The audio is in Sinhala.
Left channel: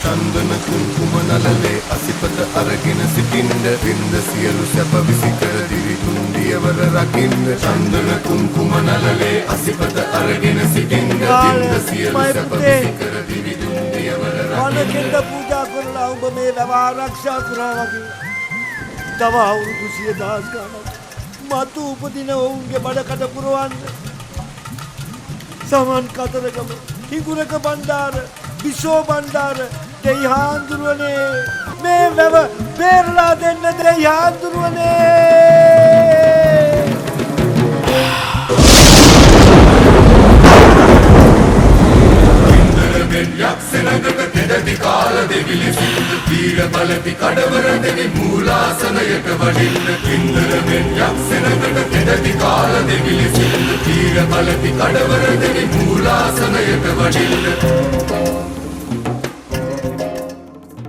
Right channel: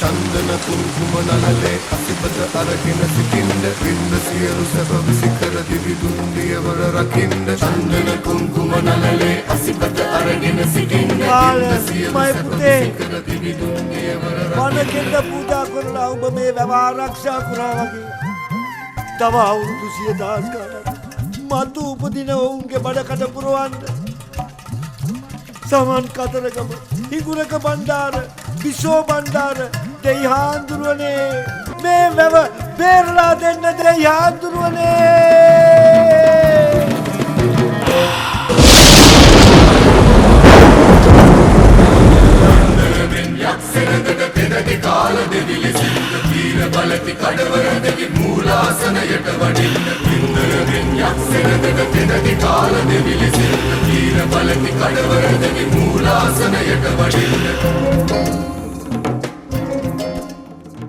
චන්දන කුංකුම නලලේ අසිපත අරගෙන සිටින්ද වින්ද සියලු සැප විසිකර දිවි දුන් දියවල රකින්න චන්දන කුංකුම නලලේ අසිපත අරගෙන සිටින්ද වින්ද සියලු සැප විසිකර දිවි දුන් දියවල වනකෙන්ද පූජා කරලා ඔබ මේ වැව ආරක්ෂා කරා වගේ තව අවුරුදු 100,000 ගණන් මතු උපදින ඔවුන්ගේ බඩකට පුරවන්න සමන් කතරගම හිඟුරක බණ්ඩාර විසෝ බණ්ඩාර දෙයිහාඳුරුවනේ මේ වැව බේරලා දෙන්න දෙයිහාඳුරුවනේ ඉන්දරෙන් යක්ෂණකට පෙරදි කාල දෙවිලි සින්ද වීර බලති කඩවර දෙවි මූලාසනයට වඩින්න ඉන්දරෙන් යක්ෂණකට පෙරදි කාල දෙවිලි සින්ද වීර බලති කඩවර දෙවි මූලාසනයට වඩින්න